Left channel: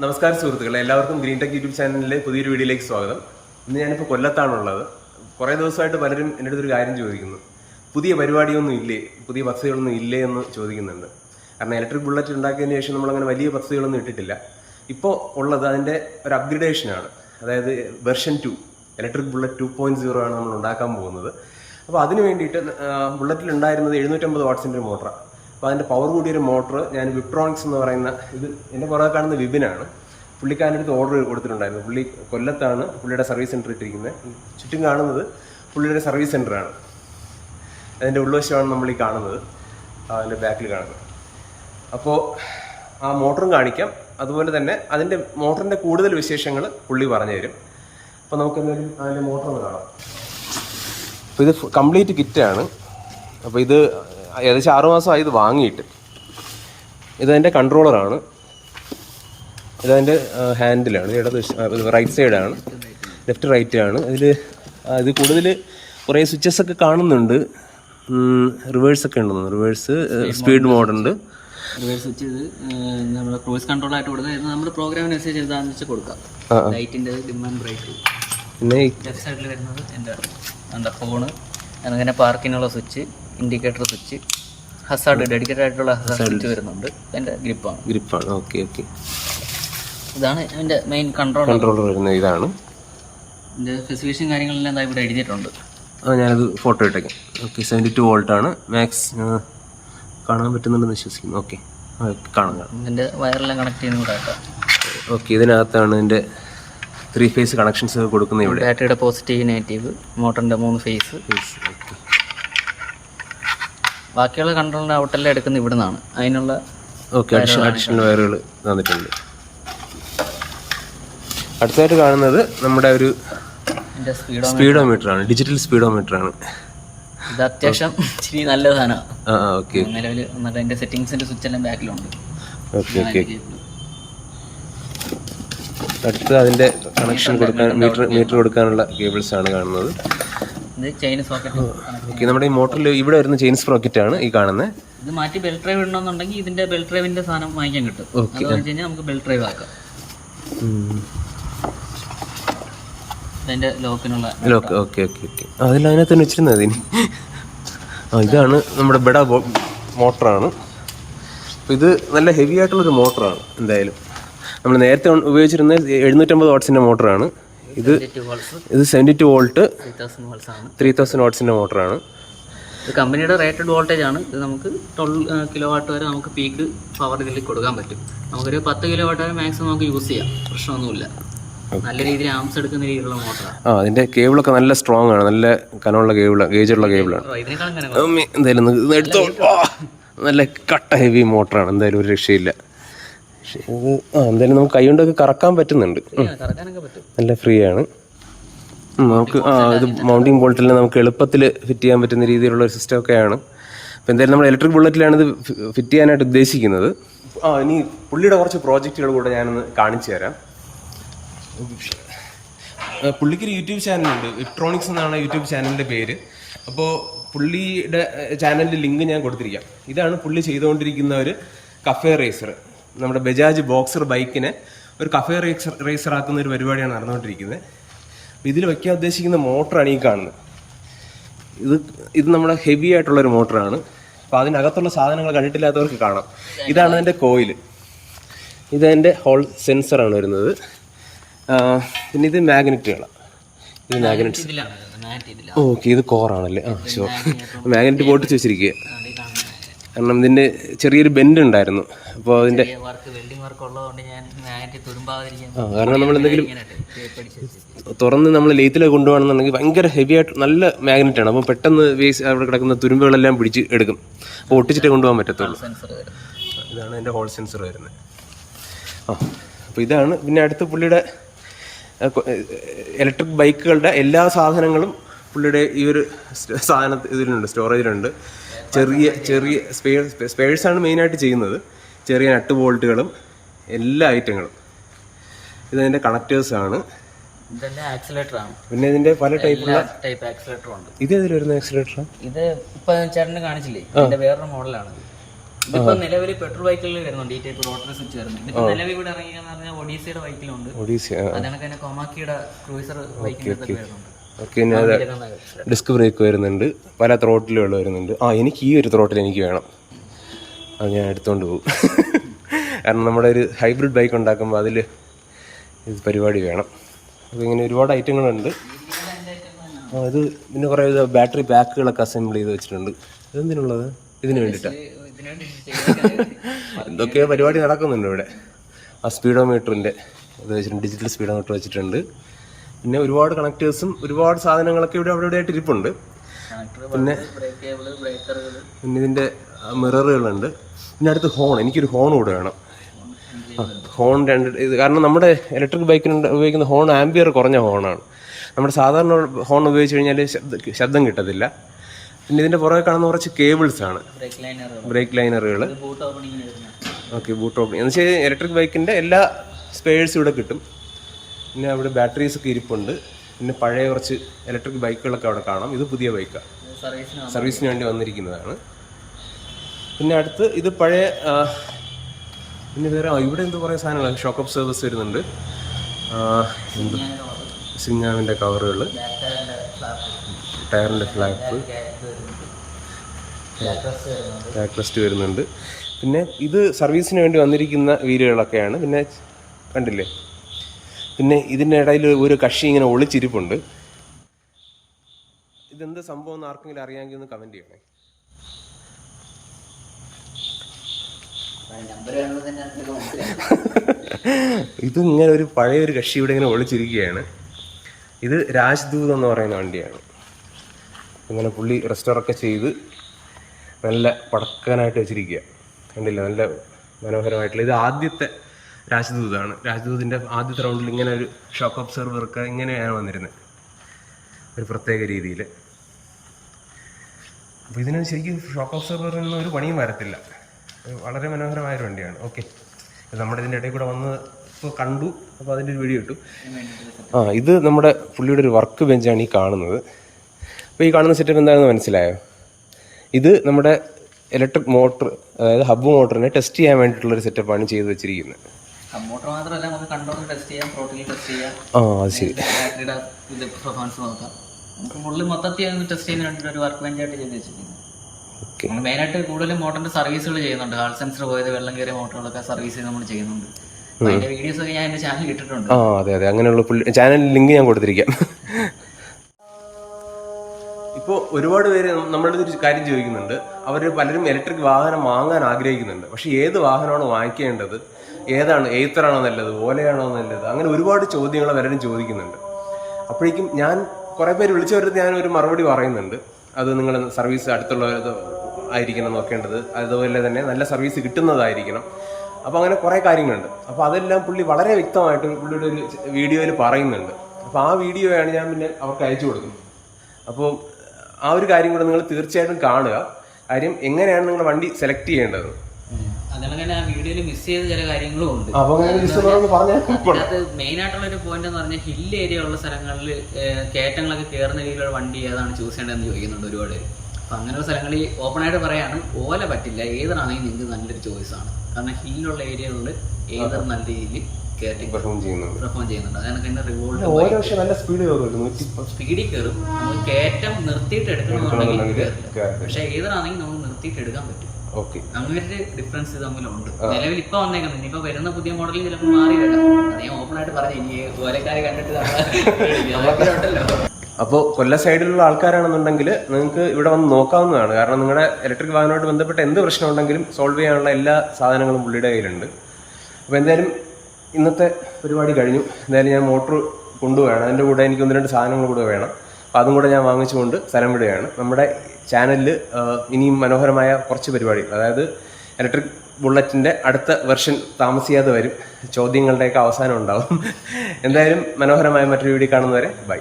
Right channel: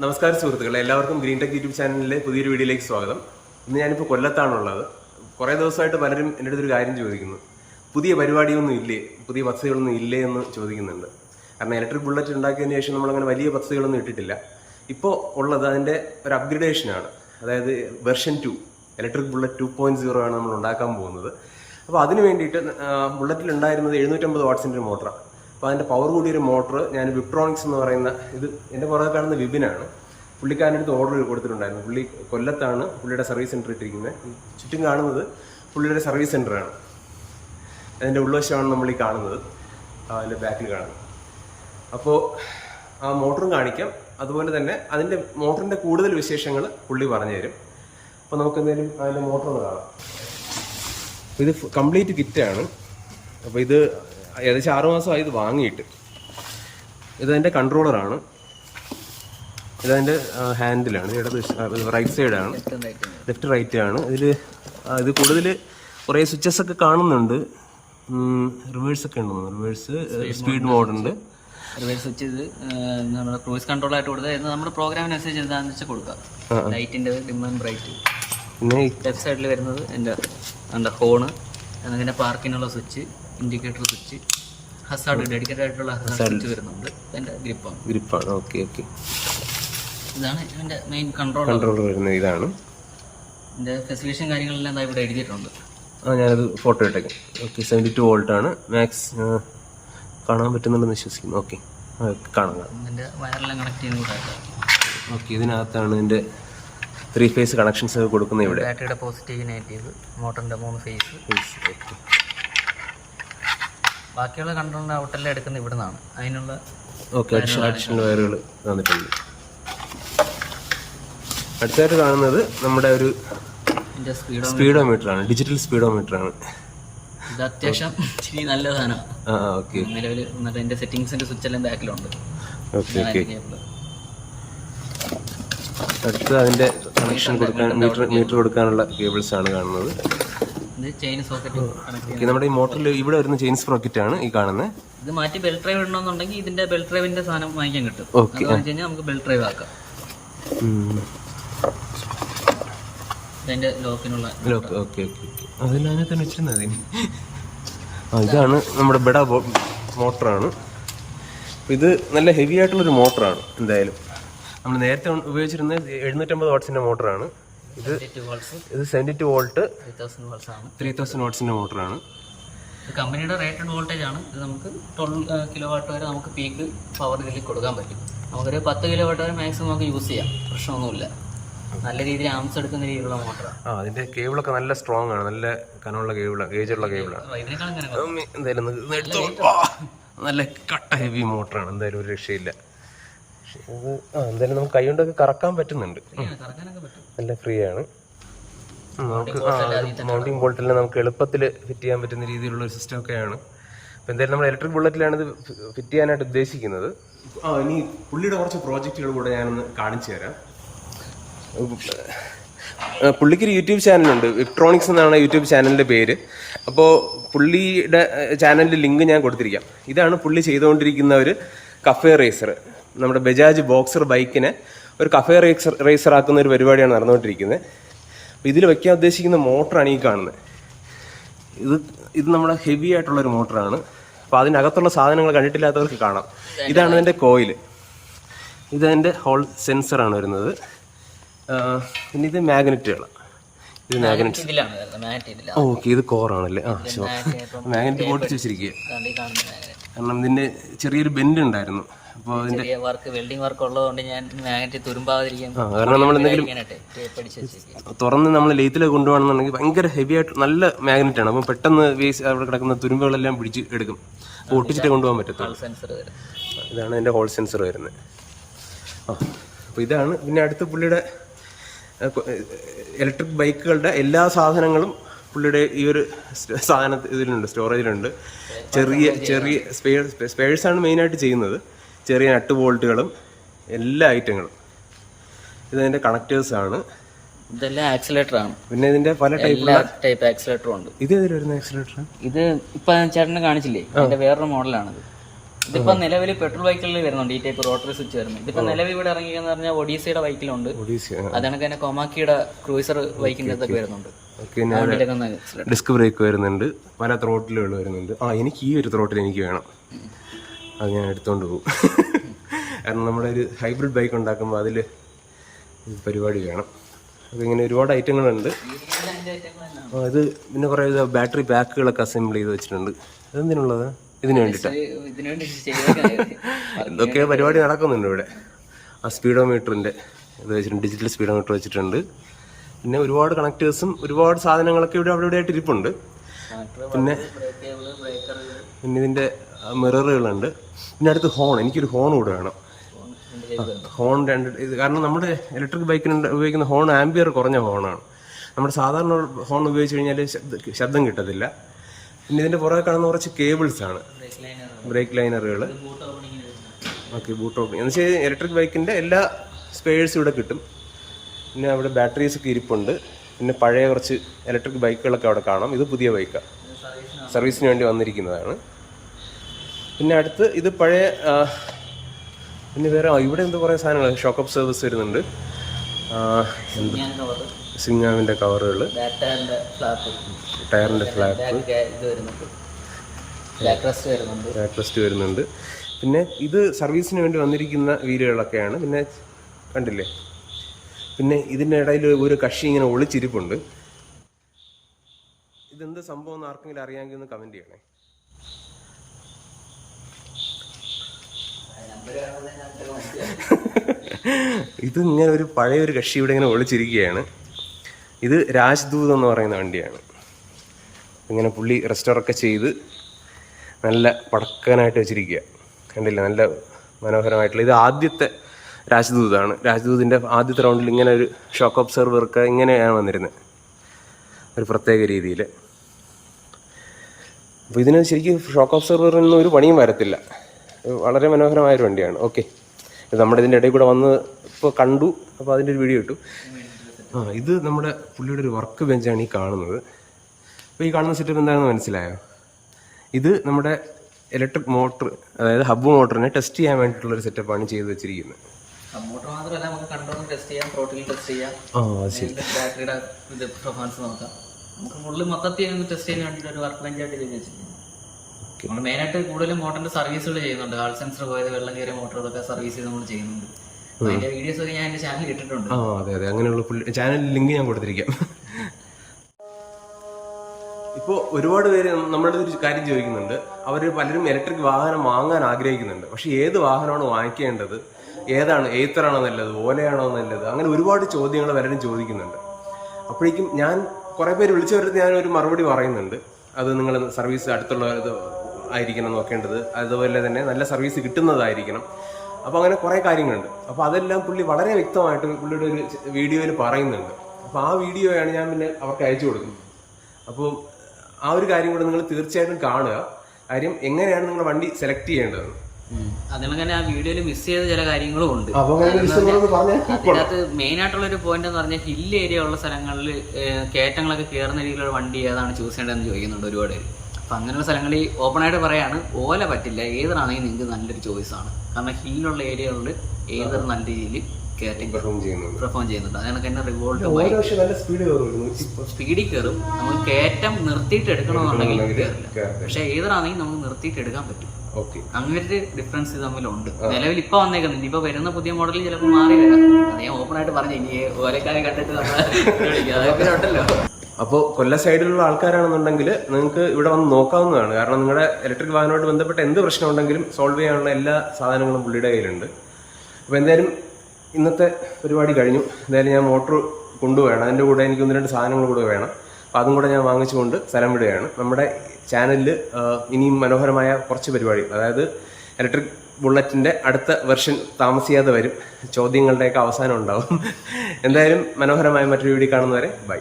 നമസ്കാരം സുഹൃത്തുക്കളെ, എല്ലാവർക്കും ഗ്രീൻ ടെക് യൂട്യൂബ് ചാനലിലെ പുതിയൊരു വീഡിയോയിലേക്ക് സ്വാഗതം. ഇന്ന് ഞാനിപ്പോൾ കൊല്ലത്താണുള്ളത്. കുറേ ദിവസമായിട്ട് പലരും എൻ്റെ അടുത്തൊരു കാര്യം ചോദിക്കുന്നു, പുതിയ പരിപാടിയൊന്നും ഇല്ലേ, പുതിയ ബസ്സുകളൊന്നും ഇല്ലേ എന്ന് ചോദിക്കുന്നുണ്ട്. കാരണം ഇലക്ട്രിക് ബുള്ളറ്റ് ഉണ്ടാക്കിയതിന് ശേഷം നമ്മളങ്ങനെ വലിയ ബസ്സുകളൊന്നും ഇട്ടിട്ടില്ല. ഇപ്പോൾ ഉള്ളത് അതിൻ്റെ ഒരു അപ്ഗ്രഡേഷനാണ്, അതായത് വെർഷൻ 2 ഇലക്ട്രിക് ബുള്ളറ്റ് 2.0 ആണ് നമ്മൾ ഉണ്ടാക്കാൻ പോകുന്നത്. അപ്പോൾ അതിന് വേണ്ടിയിട്ട് ബുള്ളറ്റിൽ ഉണ്ടായിരുന്നത് 750 വാട്ട്സിൻ്റെ ഒരു മോട്ടറാണ്. അപ്പോൾ അതിൻ്റെ പവർ കൂടിയൊരു മോട്ടർ ഞാൻ വിപ്ട്രോണിക്സ് എന്ന് പറയുന്ന, ഇത് എൻ്റെ പുറകെ കാണുന്ന വിപിനാണ്, പുള്ളിക്കാരൻ്റെ അടുത്ത് ഓർഡർ കൊടുത്തിട്ടുണ്ടായിരുന്നു. പുള്ളി കൊല്ലത്താണ് പുള്ളിയുടെ സർവീസ് സെൻറ്റർ ഇട്ടിരിക്കുന്നത്. ചുറ്റും കാണുന്നത് പുള്ളിയുടെ സർവീസ് സെൻറ്ററാണ്. അതിൻ്റെ ഉൾവശമാണ് നമ്മൾ ഈ കാണുന്നത്, അതിൻ്റെ ബാക്കിൽ കാണുന്നത്. അപ്പോൾ ആ മോട്ടറും കാണിക്കാം, അതുപോലെ തന്നെ അതിൻ്റെ മോട്ടറിൻ്റെ കൂടുതൽ വിശേഷങ്ങൾ പുള്ളി പറഞ്ഞു തരും. അപ്പോൾ നമുക്ക് എന്തെങ്കിലും അതിൻ്റെ മോട്ടർ ഒന്ന് കാണാം. അപ്പോൾ ഇത് കംപ്ലീറ്റ് കിറ്റാണ്. അപ്പോൾ ഇത് ഏകദേശം 6 മാസമായി ഇത് വാങ്ങിയിട്ട്. ഇതതിൻ്റെ കൺട്രോളറാണ്, ഇതതിൻ്റെ ഹാൻഡിലാണ്, ഇത് റൈറ്റ് സൈഡാണ്, ലെഫ്റ്റ് റൈറ്റ് ആണ്. ഇത് കൂടുതൽ കുറേ സ്വിച്ചസൊക്കെ കാണുന്നുണ്ട്. റിവേഴ്സൊക്കെ ഉണ്ടെന്ന്, റിവേഴ്സ് സ്പീഡ് മോഡുണ്ട്, റിവേഴ്സ് സ്വിച്ച്. ഇത് നമ്മുടെ ക്രൂയിസ് കൺട്രോൾ ആയിട്ട് കൊടുക്കുക, നമ്മുടെ പ്രോഗ്രാമിനനുസരിച്ച് എന്താണെന്ന് വെച്ചാൽ കൊടുക്കാം. ലൈറ്റിൻ്റെ ഡിം ആൻഡ് ബ്രൈറ്റ്. പിന്നെ ലെഫ്റ്റ് സൈഡിൽ വരുന്നത് എന്താ ഹോണ്, അങ്ങനെ പാർക്കിനുള്ള switch, indicator switch, hazard dedicated ആയിട്ടുള്ള സ്വിച്ച് വരുന്നുണ്ട്. എൻ്റെ ഗ്രിപ്പാണ്. Okay okay. ഇതാണ് എൻ്റെ മെയിൻ കൺട്രോളർ വരുന്നത്. ഇതാണ് ഇതിൻ്റെ സ്പെസിഫിക്കേഷൻ കാര്യങ്ങളെല്ലാം ഇവിടെ എഴുതിയിട്ടുണ്ട്. ഞാനത് ഫോട്ടോ ഇട്ടേക്കാം. ഓക്കെ, 72 വോൾട്ടാണ് മാക്സ്. കാണാൻ പറ്റുന്നുണ്ടെന്ന് വിശ്വസിക്കുന്നു. ഓക്കെ, കാണാം. ഇതിൻ്റെ വയറെല്ലാം കണക്ട് ചെയ്യുന്ന ഡാറ്റ. ഓക്കെ, ഇതിനകത്താണ് ഇതിൻ്റെ 3 ഫേസ് കണക്ഷൻസ് കൊടുക്കുന്നത്. ഇവിടെ ബാറ്ററിയുടെ പോസിറ്റീവ് നെഗറ്റീവ്, മോട്ടറിൻ്റെ 3 ഫേസ്. ഓക്കെ, ബാക്കിയുള്ള കൺട്രോളിൻ്റെ ഔട്ടെല്ലാം എടുക്കുന്നത് ഇവിടെ നിന്നാണ്. അതിനുള്ള അഡീഷണൽ വയറുകൾ തന്നിട്ടുണ്ട്. അടുത്തായിട്ട് കാണുന്നത് നമ്മുടെ ഒരു സ്പീഡോമീറ്ററാണ്, ഡിജിറ്റൽ സ്പീഡോമീറ്ററാണ്. ഇത് അത്യാവശ്യം ഇച്ചിരി നല്ല സാധനമാണ്. നിലവിൽ അതിൻ്റെ സെറ്റിങ്സിൻ്റെ സ്വിച്ച് എല്ലാം ബാക്കിലുണ്ട്. Okay okay. അടുത്ത് അതിൻ്റെ കണക്ഷൻ കൊടുക്കാൻ മീറ്റർ കൊടുക്കാനുള്ള കേബിൾസ് ആണ് കാണുന്നത്. ഓക്കെ, നമ്മുടെ ഈ മോട്ടറിൽ ഇവിടെ വരുന്ന ചെയിൻ സ്പ്രോക്കറ്റ് ആണ് ഈ കാണുന്നത്. ഇത് മാറ്റി ബെൽറ്റ് ഡ്രൈവ് ഇടണമെന്നുണ്ടെങ്കിൽ ഇതിന്റെ ബെൽറ്റ് ഡ്രൈവിന്റെ സാധനം വാങ്ങിക്കാൻ കിട്ടും. അത് നമുക്ക് ബെൽറ്റ് ഡ്രൈവ് ആക്കാം. അതിന്റെ ലോക്കിനുള്ള ലോക്ക്. Okay okay okay. അതിനകത്ത് തന്നെ വെച്ചിരുന്നത് ഇനി. ഇതാണ് നമ്മുടെ ബെഡ മോട്ടറാണ്. അപ്പോൾ ഇത് നല്ല ഹെവി ആയിട്ടുള്ളൊരു മോട്ടറാണ്. എന്തായാലും നമ്മൾ നേരത്തെ ഉപയോഗിച്ചിരുന്ന 750 വാട്ട്സിൻ്റെ മോട്ടറാണ്. ഇത് 72 വോൾട്ട് 3000 വാട്ട്സിൻ്റെ മോട്ടറാണ്. ഇത് കമ്പനിയുടെ റേറ്റഡ് വോൾട്ടേജ് ആണ്. ഇത് നമുക്ക് 12 കിലോ വാട്ട് വരെ നമുക്ക് പീക്ക് പവർ ഇതിൽ കൊടുക്കാൻ പറ്റും. നമുക്കൊരു 10 കിലോ വാട്ട് വരെ മാക്സിമം നമുക്ക് യൂസ് ചെയ്യാം, പ്രശ്നമൊന്നുമില്ല. നല്ല രീതിയിൽ ആംസ് എടുക്കുന്ന രീതിയിലുള്ള മോട്ടറാണ്. അതിൻ്റെ കേബിളൊക്കെ നല്ല സ്ട്രോങ് ആണ്, നല്ല കനമുള്ള ഗേജുള്ള കേബിളാണ്. എന്തായാലും എടുത്തോ, നല്ല കട്ട ഹെവി മോട്ടറാണ്. എന്തായാലും ഒരു രക്ഷയില്ല. എന്തായാലും നമുക്ക് കൈകൊണ്ടൊക്കെ കറക്കാൻ പറ്റുന്നുണ്ട്, നല്ല ഫ്രീ ആണ്. നമുക്ക് ഇത് മൗണ്ടിങ് ബോൾട്ടിൽ നമുക്ക് എളുപ്പത്തിൽ ഫിറ്റ് ചെയ്യാൻ പറ്റുന്ന രീതിയിലുള്ള ഒരു സിസ്റ്റം ഒക്കെയാണ്. അപ്പോൾ എന്തായാലും നമ്മൾ ഇലക്ട്രിക് ബുള്ളറ്റിലാണ് ഇത് ഫിറ്റ് ചെയ്യാനായിട്ട് ഉദ്ദേശിക്കുന്നത്. ഇനി പുള്ളിയുടെ കുറച്ച് പ്രോജക്റ്റുകൾ കൂടെ ഞാനൊന്ന് കാണിച്ചു തരാം. പുള്ളിക്കൊരു യൂട്യൂബ് ചാനലുണ്ട്, വിപ്ട്രോണിക്സ് എന്നാണ് യൂട്യൂബ് ചാനലിൻ്റെ പേര്. അപ്പോൾ പുള്ളിയുടെ ചാനലിൻ്റെ ലിങ്ക് ഞാൻ കൊടുത്തിരിക്കാം. ഇതാണ് പുള്ളി ചെയ്തുകൊണ്ടിരിക്കുന്ന ഒരു കഫേ റേസർ. നമ്മുടെ ബജാജ് ബോക്സർ ബൈക്കിനെ ഒരു കഫേ റേസർ ആക്കുന്ന ഒരു പരിപാടിയാണ് നടന്നുകൊണ്ടിരിക്കുന്നത്. അപ്പോൾ ഇതിൽ വയ്ക്കാൻ ഉദ്ദേശിക്കുന്ന മോട്ടറാണ് ഈ കാണുന്നത്. ഇത് നമ്മുടെ ഹെവി ആയിട്ടുള്ളൊരു മോട്ടറാണ്. അപ്പോൾ അതിനകത്തുള്ള സാധനങ്ങൾ കണ്ടിട്ടില്ലാത്തവർക്ക് കാണാം. ഇതാണ് അതിൻ്റെ കോയിൽ, ഇതതിൻ്റെ ഹോൾ സെൻസറാണ് വരുന്നത്. പിന്നെ ഇത് മാഗ്നറ്റുകളാണ്. ഇത് മാഗ്നറ്റ്സ്. ഓക്കെ, ഇത് കോറാണല്ലേ? ഷുവർ. മാഗ്നറ്റ് പൊട്ടിച്ച് വെച്ചിരിക്കുക. കാരണം ഇതിൻ്റെ ചെറിയൊരു ബെൻഡ് ഉണ്ടായിരുന്നു. അപ്പോൾ അതിൻ്റെ കാരണം നമ്മൾ എന്തെങ്കിലും തുറന്ന് നമ്മൾ ലെയ്ത്തിലേക്ക് കൊണ്ടുപോകണമെന്നുണ്ടെങ്കിൽ ഭയങ്കര ഹെവി ആയിട്ട് നല്ല മാഗ്നറ്റാണ്. അപ്പോൾ പെട്ടെന്ന് അവിടെ കിടക്കുന്ന തുരുമ്പുകളെല്ലാം പിടിച്ച് എടുക്കും. അപ്പോൾ ഒട്ടിച്ചിട്ടേ കൊണ്ടുപോകാൻ പറ്റത്തുള്ളൂ. ഇതാണ് അതിൻ്റെ ഹോൾ സെൻസർ വരുന്നത്. അപ്പോൾ ഇതാണ്. പിന്നെ അടുത്ത പുള്ളിയുടെ ഇലക്ട്രിക് ബൈക്കുകളുടെ എല്ലാ സാധനങ്ങളും പുള്ളിയുടെ ഈ ഒരു ഇതിലുണ്ട്, സ്റ്റോറേജിലുണ്ട്. ചെറിയ സ്പെയർസാണ് മെയിനായിട്ട് ചെയ്യുന്നത്. ചെറിയ നട്ട് ബോൾട്ടുകളും എല്ലാ ഐറ്റങ്ങളും. ഇതതിൻ്റെ കണക്റ്റേഴ്സാണ്. ഇതെല്ലാം ആക്സിലേറ്റർ ആണ്. പിന്നെ ഇതിന്റെ പല ടൈപ്പുള്ള ആക്സിലേറ്റർ ഉണ്ട്. ഇത് ഏതിൽ വരുന്ന ആക്സിലേറ്റർ? ഇത് ഇപ്പൊ ചേട്ടനെ കാണിച്ചില്ലേ, ഇതിന്റെ വേറൊരു മോഡലാണ്. ഇതിപ്പോ നിലവിൽ പെട്രോൾ ബൈക്കിൽ വരുന്നുണ്ട് ഈ ടൈപ്പ് റോട്ടറി സ്വിച്ച് വരുന്നത്. ഇതിപ്പോ നിലവിൽ ഇവിടെ ഇറങ്ങിയെന്ന് പറഞ്ഞാൽ ഒഡീസയുടെ ബൈക്കിലുണ്ട്, അതാണ് തന്നെ കൊമാക്കിയുടെ ക്രൂസർ ബൈക്കിന്റെ അടുത്തൊക്കെ വരുന്നുണ്ട്. ഓക്കെ, പിന്നെ അത് ഡിസ്ക് ബ്രേക്ക് വരുന്നുണ്ട്, പല ത്രോട്ടിലുകൾ വരുന്നുണ്ട്. എനിക്ക് ഈ ഒരു ത്രോട്ടിൽ എനിക്ക് വേണം, അത് ഞാൻ എടുത്തുകൊണ്ട് പോകും. കാരണം നമ്മുടെ ഒരു ഹൈബ്രിഡ് ബൈക്ക് ഉണ്ടാക്കുമ്പോൾ അതിൽ ഇത് പരിപാടി വേണം. അപ്പോൾ ഇങ്ങനെ ഒരുപാട് ഐറ്റങ്ങളുണ്ട്. ഇത് പിന്നെ കുറേ ബാറ്ററി പാക്കുകളൊക്കെ അസംബിൾ ചെയ്ത് വെച്ചിട്ടുണ്ട്. ഇതെന്തിനുള്ളത്? ഇതിന് വേണ്ടിയിട്ടാണ്. എന്തൊക്കെയോ പരിപാടി നടക്കുന്നുണ്ട് ഇവിടെ. ആ സ്പീഡോമീറ്ററിൻ്റെ ഇത് വെച്ചിട്ടുണ്ട്, ഡിജിറ്റൽ സ്പീഡോമീറ്റർ വെച്ചിട്ടുണ്ട്. പിന്നെ ഒരുപാട് കണക്റ്റേഴ്സും ഒരുപാട് സാധനങ്ങളൊക്കെ അവിടെ ആയിട്ട് ഇരിപ്പുണ്ട്. പിന്നെ ഇതിൻ്റെ മിററുകളുണ്ട്. പിന്നെ അടുത്ത് ഹോൺ, എനിക്കൊരു ഹോൺ കൂടെ വേണം. ഹോൺ ഇത് കാരണം നമ്മുടെ ഇലക്ട്രിക് ബൈക്കിന് ഉപയോഗിക്കുന്ന ഹോൺ ആംബിയർ കുറഞ്ഞ ഹോണാണ്. നമ്മുടെ സാധാരണ ഹോൺ ഉപയോഗിച്ച് കഴിഞ്ഞാൽ ശബ്ദം കിട്ടത്തില്ല. പിന്നെ ഇതിൻ്റെ പുറകെ കാണുന്ന കുറച്ച് കേബിൾസാണ്, ബ്രേക്ക് ലൈനറുകൾ. ഓക്കെ, ബൂട്ട് ഓപ്പണിങ് എന്ന് വെച്ചാൽ ഇലക്ട്രിക് ബൈക്കിൻ്റെ എല്ലാ സ്പെയർസും ഇവിടെ കിട്ടും. പിന്നെ അവിടെ ബാറ്ററീസൊക്കെ ഇരിപ്പുണ്ട്. പിന്നെ പഴയ കുറച്ച് ഇലക്ട്രിക് ബൈക്കുകളൊക്കെ അവിടെ കാണാം. ഇത് പുതിയ ബൈക്കാണ്, സർവീസിന് വേണ്ടി വന്നിരിക്കുന്നതാണ്. പിന്നെ അടുത്ത് ഇത് പഴയ, പിന്നെ വേറെ ഇവിടെ എന്തോ കുറേ സാധനങ്ങൾ, ഷോക്ക് അബ്സർവേഴ്സ് വരുന്നുണ്ട്, എന്ത് സിംഗാമിൻ്റെ കവറുകൾ, ടയറിൻ്റെ ഫ്ലാപ്പ്, ബാക്ക്റെസ്റ്റ് വരുന്നുണ്ട്. പിന്നെ ഇത് സർവീസിന് വേണ്ടി വന്നിരിക്കുന്ന വീലുകളൊക്കെയാണ്. പിന്നെ കണ്ടില്ലേ, പിന്നെ ഇതിൻ്റെ ഇടയിൽ ഒരു കക്ഷി ഇങ്ങനെ ഒളിച്ചിരിപ്പുണ്ട്. ഇതെന്ത് സംഭവം എന്ന് ആർക്കെങ്കിലും അറിയാമെങ്കിൽ ഒന്ന് കമൻറ്റ് ചെയ്യണേ. ഇത് ഇങ്ങനെ ഒരു പഴയൊരു കക്ഷി ഇവിടെ ഇങ്ങനെ ഒളിച്ചിരിക്കുകയാണ്. ഇത് രാജ്ദൂത് എന്ന് പറയുന്ന വണ്ടിയാണ്. ഇങ്ങനെ പുള്ളി റെസ്റ്റോറൊക്കെ ചെയ്ത് നല്ല പടക്കാനായിട്ട് വെച്ചിരിക്കുക. കണ്ടില്ല, നല്ല മനോഹരമായിട്ടുള്ള. ഇത് ആദ്യത്തെ രാജ്ദൂതാണ്. രാജ്ദൂതിൻ്റെ ആദ്യത്തെ റൗണ്ടിൽ ഇങ്ങനെ ഒരു ഷോക്ക് ഒബ്സർവർക്ക് ഇങ്ങനെയാണ് വന്നിരുന്നത്, ഒരു പ്രത്യേക രീതിയിൽ. അപ്പോൾ ഇതിന് ശരിക്കും ഷോക്ക് ഒബ്സർവറിനൊന്നും ഒരു പണിയും വരത്തില്ല. വളരെ മനോഹരമായൊരു വണ്ടിയാണ്. ഓക്കെ, ഇത് നമ്മുടെ ഇതിൻ്റെ ഇടയിൽ കൂടെ വന്ന് ഇപ്പോൾ കണ്ടു, അപ്പോൾ അതിൻ്റെ ഒരു വീഡിയോ ഇട്ടു. ഇത് നമ്മുടെ പുള്ളിയുടെ ഒരു വർക്ക് ബെഞ്ചാണ് ഈ കാണുന്നത്. അപ്പോൾ ഈ കാണുന്ന സെറ്റപ്പ് എന്താണെന്ന് മനസ്സിലായോ? ഇത് നമ്മുടെ ഇലക്ട്രിക് മോട്ടർ, അതായത് ഹബ്ബ് മോട്ടറിനെ ടെസ്റ്റ് ചെയ്യാൻ വേണ്ടിയിട്ടുള്ളൊരു സെറ്റപ്പാണ് ചെയ്ത് വെച്ചിരിക്കുന്നത്. മോട്ടോർ മാത്രമല്ല, നമുക്ക് കൺട്രോൾ ടെസ്റ്റ് ചെയ്യാം, ത്രോട്ടിൽ ടെസ്റ്റ് ചെയ്യാം, അത് ശരി, ബാറ്ററിയുടെ ഇത് പെർഫോമൻസ് നോക്കാം. നമുക്ക് ഫുള്ള് മൊത്തത്തിൽ ടെസ്റ്റ് ചെയ്യാൻ വേണ്ടിയിട്ട് ഒരു വർക്ക് ബെഞ്ചായിട്ട് ചെയ്ത് വെച്ചിരിക്കുന്നത്. നമ്മൾ മെയിനായിട്ട് കൂടുതലും മോട്ടറിന്റെ സർവീസുകൾ ചെയ്യുന്നുണ്ട്. ഹാൾ സെൻസർ പോയത്, വെള്ളം കയറിയ മോട്ടറുകളൊക്കെ സർവീസ് ചെയ്ത് നമ്മൾ ചെയ്യുന്നുണ്ട്. അതിന്റെ വീഡിയോസ് ഒക്കെ ഞാൻ എന്റെ ചാനലിൽ ഇട്ടിട്ടുണ്ട്. അതെ, അങ്ങനെയുള്ള ചാനൽ ലിങ്ക് ഞാൻ കൊടുത്തിരിക്കാം. ഇപ്പോൾ ഒരുപാട് പേര് നമ്മളുടെ ഒരു കാര്യം ചോദിക്കുന്നുണ്ട്. അവർ പലരും ഇലക്ട്രിക് വാഹനം വാങ്ങാൻ ആഗ്രഹിക്കുന്നുണ്ട്. പക്ഷേ ഏത് വാഹനമാണ് വാങ്ങിക്കേണ്ടത്, ഏതാണ്, എയ്ത്തറാണോ നല്ലത്, ഓലയാണോ നല്ലത്, അങ്ങനെ ഒരുപാട് ചോദ്യങ്ങൾ പലരും ചോദിക്കുന്നുണ്ട്. അപ്പോഴേക്കും ഞാൻ കുറേ പേര് വിളിച്ചവരുടെ ഞാനൊരു മറുപടി പറയുന്നുണ്ട്. അത് നിങ്ങൾ സർവീസ് അടുത്തുള്ള ആയിരിക്കണം നോക്കേണ്ടത്, അതുപോലെ തന്നെ നല്ല സർവീസ് കിട്ടുന്നതായിരിക്കണം. അപ്പോൾ അങ്ങനെ കുറേ കാര്യങ്ങളുണ്ട്. അപ്പോൾ അതെല്ലാം പുള്ളി വളരെ വ്യക്തമായിട്ട് പുള്ളിയുടെ ഒരു വീഡിയോയിൽ പറയുന്നുണ്ട്. അപ്പോൾ ആ വീഡിയോയാണ് ഞാൻ പിന്നെ അവർക്ക് അയച്ചു കൊടുക്കുന്നത്. അപ്പോൾ ആ ഒരു കാര്യം കൂടെ നിങ്ങൾ തീർച്ചയായിട്ടും കാണുക. കാര്യം എങ്ങനെയാണ് നിങ്ങൾ വണ്ടി സെലക്ട് ചെയ്യേണ്ടത്. അതങ്ങനെ ആ വീഡിയോയിൽ മിസ് ചെയ്ത ചില കാര്യങ്ങളും ഉണ്ട്. അതിനകത്ത് മെയിൻ ആയിട്ടുള്ള ഒരു പോയിന്റ് എന്ന് പറഞ്ഞാൽ ഹിൽ ഏരിയ ഉള്ള സ്ഥലങ്ങളിൽ കയറ്റങ്ങളൊക്കെ കയറുന്ന രീതിയിലുള്ള വണ്ടി ഏതാണ് ചൂസ് ചെയ്യേണ്ടതെന്ന് ചോദിക്കുന്നുണ്ട് ഒരുപാട് പേര്. അപ്പം അങ്ങനെയുള്ള സ്ഥലങ്ങളിൽ ഓപ്പൺ ആയിട്ട് പറയാണ്, ഓല പറ്റില്ല, ഏതാണെങ്കിൽ നിങ്ങൾക്ക് നല്ലൊരു ചോയ്സ് ആണ്. കാരണം ഹില്ലുള്ള ഏരിയകളിൽ ഏതർ നല്ല രീതിയിൽ പെർഫോം ചെയ്യുന്നുണ്ട്. അതിനൊക്കെ തന്നെ റിവോൾട്ട് നല്ല സ്പീഡിൽ കയറും. നമുക്ക് കയറ്റം നിർത്തിയിട്ട് എടുക്കണമെന്നുണ്ടെങ്കിൽ പക്ഷെ ഏതാണെങ്കിൽ നമുക്ക് നിർത്തിയിട്ട് എടുക്കാൻ പറ്റും. അങ്ങനത്തെ ഡിഫറൻസ് തമ്മിലുണ്ട്. നിലവിൽ ഇപ്പൊ വന്നേക്കുന്നുണ്ട്. ഇപ്പൊ വരുന്ന പുതിയ മോഡലിൽ ചിലപ്പോൾ മാറിയിടാം. ഞാൻ ഓപ്പൺ ആയിട്ട് പറഞ്ഞു, ഇനി ഓലക്കാരി കണ്ടിട്ട് ഉണ്ടല്ലോ. അപ്പോൾ കൊല്ല സൈഡിലുള്ള ആൾക്കാരാണെന്നുണ്ടെങ്കിൽ നിങ്ങൾക്ക് ഇവിടെ വന്ന് നോക്കാവുന്നതാണ്. കാരണം നിങ്ങളുടെ ഇലക്ട്രിക് വാഹനമായിട്ട് ബന്ധപ്പെട്ട എന്ത് പ്രശ്നം ഉണ്ടെങ്കിലും സോൾവ് ചെയ്യാനുള്ള എല്ലാ സാധനങ്ങളും പുള്ളിയുടെ കയ്യിലുണ്ട്. അപ്പോൾ എന്തായാലും ഇന്നത്തെ പരിപാടി കഴിഞ്ഞു. എന്തായാലും ഞാൻ മോട്ടോർ കൊണ്ടുപോകണം. അതിൻ്റെ കൂടെ എനിക്ക് 1-2 സാധനങ്ങൾ കൂടെ വേണം. അപ്പോൾ അതും കൂടെ ഞാൻ വാങ്ങിച്ചുകൊണ്ട് സ്ഥലം വിടുകയാണ്. നമ്മുടെ ചാനലിൽ ഇനിയും മനോഹരമായ കുറച്ച് പരിപാടികൾ, അതായത് ഇലക്ട്രിക് ബുള്ളറ്റിൻ്റെ അടുത്ത വെർഷൻ താമസിയാതെ വരും. ചോദ്യങ്ങളുടെയൊക്കെ അവസാനം ഉണ്ടാവും. എന്തായാലും മനോഹരമായ മറ്റൊരു വീഡിയോ കാണുന്നവരെ ബൈ.